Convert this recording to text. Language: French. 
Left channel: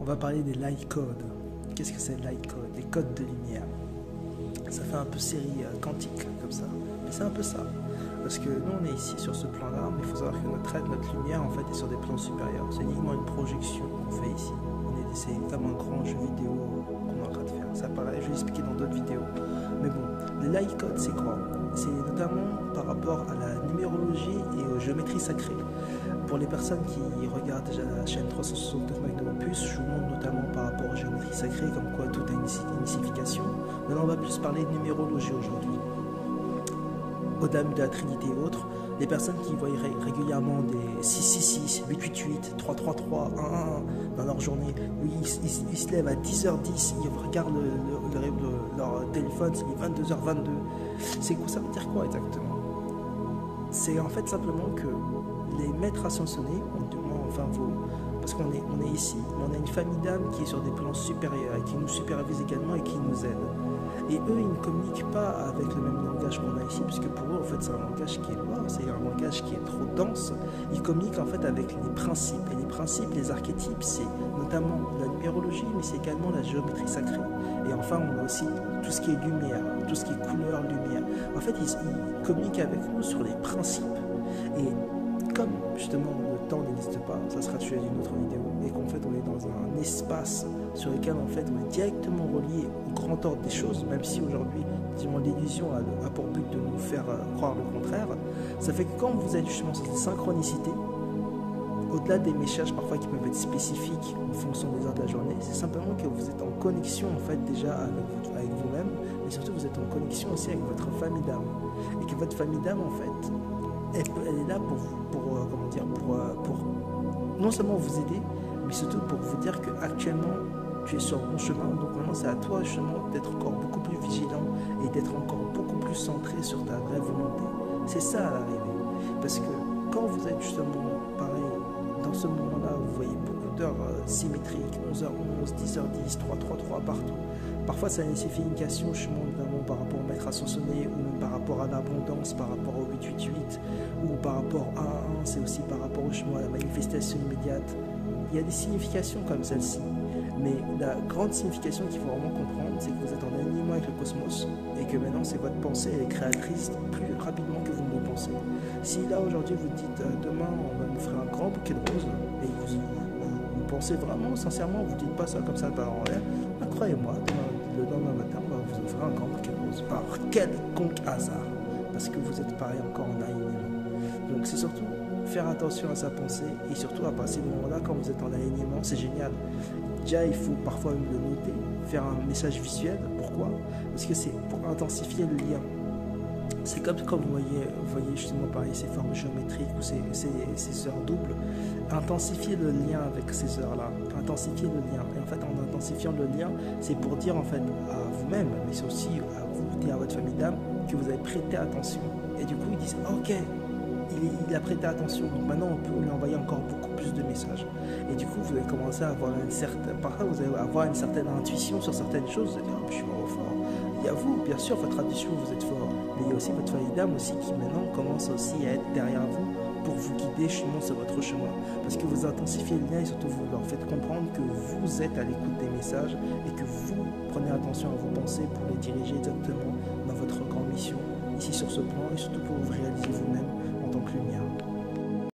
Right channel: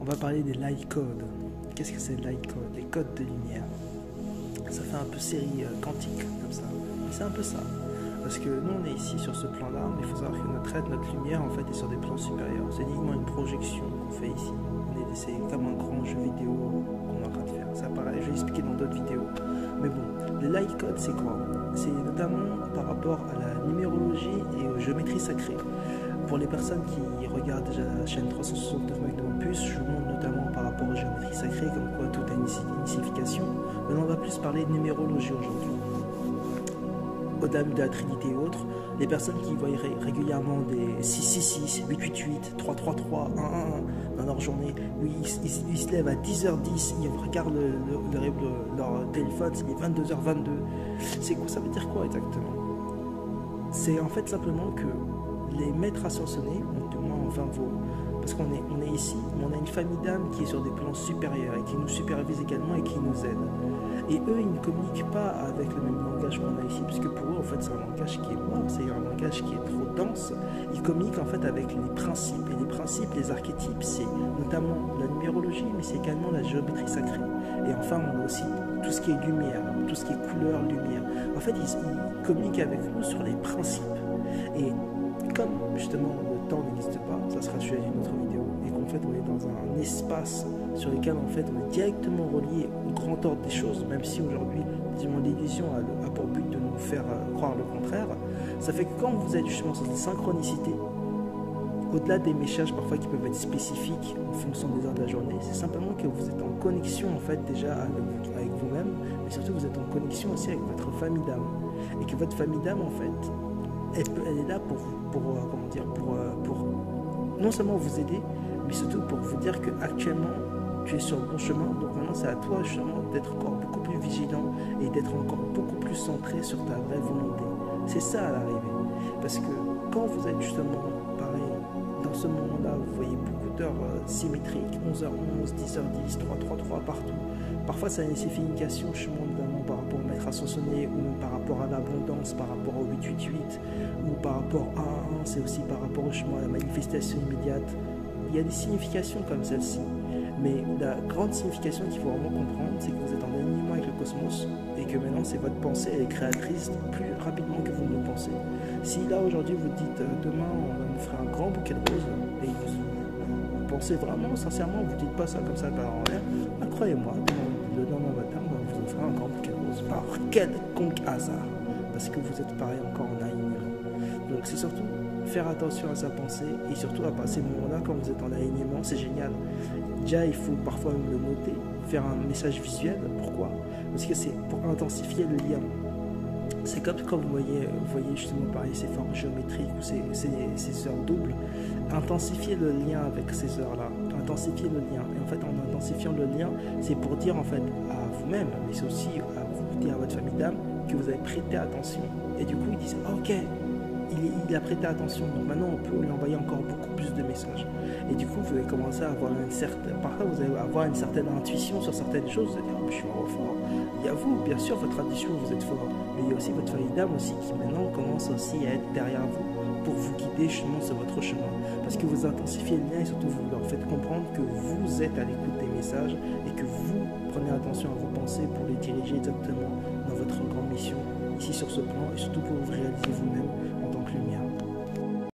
On va parler des light codes. Qu'est-ce que c'est le light code? Les codes de lumière. Ça fait un peu série quantique comme ça. Mais c'est un peu ça. Parce que nous on est ici sur ce plan-là, mais il faut savoir que notre lumière en fait est sur des plans supérieurs. C'est uniquement une projection qu'on fait ici. C'est comme un grand jeu vidéo qu'on est en train de faire. Ça paraît, je vais expliquer dans d'autres vidéos. Mais bon, les light codes c'est quoi? C'est notamment par rapport à la numérologie et aux géométries sacrées. Pour les personnes qui regardent déjà la chaîne 369 Magnum Opus, je vous montre notamment par rapport aux géométries sacrées, comme quoi tout a une signification. Maintenant, on va plus parler de numérologie aujourd'hui. Au-delà de la Trinité et autres, les personnes qui voient régulièrement des 666, 888, 333, 111 dans leur journée, où ils se lèvent à 10h10, ils regardent leur téléphone, il est 22h22. C'est quoi, ça veut dire quoi exactement? C'est en fait simplement que les maîtres ascensionnés, du moins enfin parce qu'on est ici, mais on a une famille d'âmes qui est sur des plans supérieurs et qui nous supervise également et qui nous aide. Et eux, ils ne communiquent pas avec le même langage qu'on a ici, puisque pour eux, en fait, c'est un langage qui est mort, c'est un langage qui est trop dense. Ils communiquent en fait avec les principes. Et les principes, les archétypes, c'est notamment la numérologie, mais c'est également la géométrie sacrée. Et enfin, on a aussi tout ce qui est lumière, tout ce qui est couleur, lumière. En fait, ils communiquent avec nous sur les principes. Et comme justement le temps n'existe pas, ça sera le sujet d'une autre vidéo, et qu'en fait on est dans un espace sur lequel en fait on est directement relié au grand ordre des choses, même si aujourd'hui l'illusion a pour but de nous faire croire le contraire. Ça fait que quand vous êtes justement sur des synchronicités, au-delà des messages parfois qui peuvent être spécifiques en fonction des heures de la journée, c'est simplement que vous êtes en connexion en fait déjà avec vous-même, mais surtout vous êtes en connexion aussi avec votre famille d'âme, et que votre famille d'âme en fait elle est là pour non seulement vous aider, mais surtout pour vous dire que actuellement tu es sur le bon chemin. Donc maintenant c'est à toi justement d'être encore beaucoup plus vigilant et d'être encore beaucoup plus centré sur ta vraie volonté. C'est ça à l'arrivée. Parce que quand vous êtes justement pareil, dans ce moment-là, vous voyez beaucoup d'heures symétriques, 11h11, 10h10, 333 partout. Parfois, ça a une signification, notamment par rapport au maître ascensionné, ou même par rapport à l'abondance, par rapport au 888, ou par rapport à 1, c'est aussi par rapport à la manifestation immédiate. Il y a des significations comme celle-ci. Mais la grande signification qu'il faut vraiment comprendre, c'est que vous êtes en alignement avec le cosmos, et que maintenant, c'est votre pensée, elle est créatrice plus rapidement que vous ne le pensez. Si là, aujourd'hui, vous dites, demain, on va m'offrir un grand bouquet de roses, et vous pensez vraiment, sincèrement, vous ne dites pas ça comme ça par en l'air, bah, croyez-moi, le lendemain matin, on va vous offrir un grand bouquet de roses, par quelconque hasard, parce que vous êtes pareil encore en alignement. Donc, c'est surtout faire attention à sa pensée, et surtout à ces moments-là, quand vous êtes en alignement, c'est génial. Déjà, il faut parfois même le noter, faire un message visuel. Pourquoi? Parce que c'est pour intensifier le lien. C'est comme quand vous voyez justement pareil ces formes géométriques ou ces heures doubles. Intensifier le lien avec ces heures-là. Intensifier le lien. Et en fait, en intensifiant le lien, c'est pour dire en fait à vous-même, mais c'est aussi à dire à votre famille d'âme que vous avez prêté attention. Et du coup, ils disent ok. Il a prêté attention, donc maintenant on peut lui envoyer encore beaucoup plus de messages. Et du coup, vous allez commencer à avoir parfois vous allez avoir une certaine intuition sur certaines choses, de dire oh, je suis vraiment fort. Il y a vous, bien sûr, votre intuition, vous êtes fort, mais il y a aussi votre famille d'âme aussi qui maintenant commence aussi à être derrière vous pour vous guider justement sur votre chemin. Parce que vous intensifiez le lien et surtout vous leur faites comprendre que vous êtes à l'écoute des messages et que vous prenez attention à vos pensées pour les diriger exactement dans votre grande mission ici sur ce plan et surtout pour vous réaliser vous-même en tant que lumière.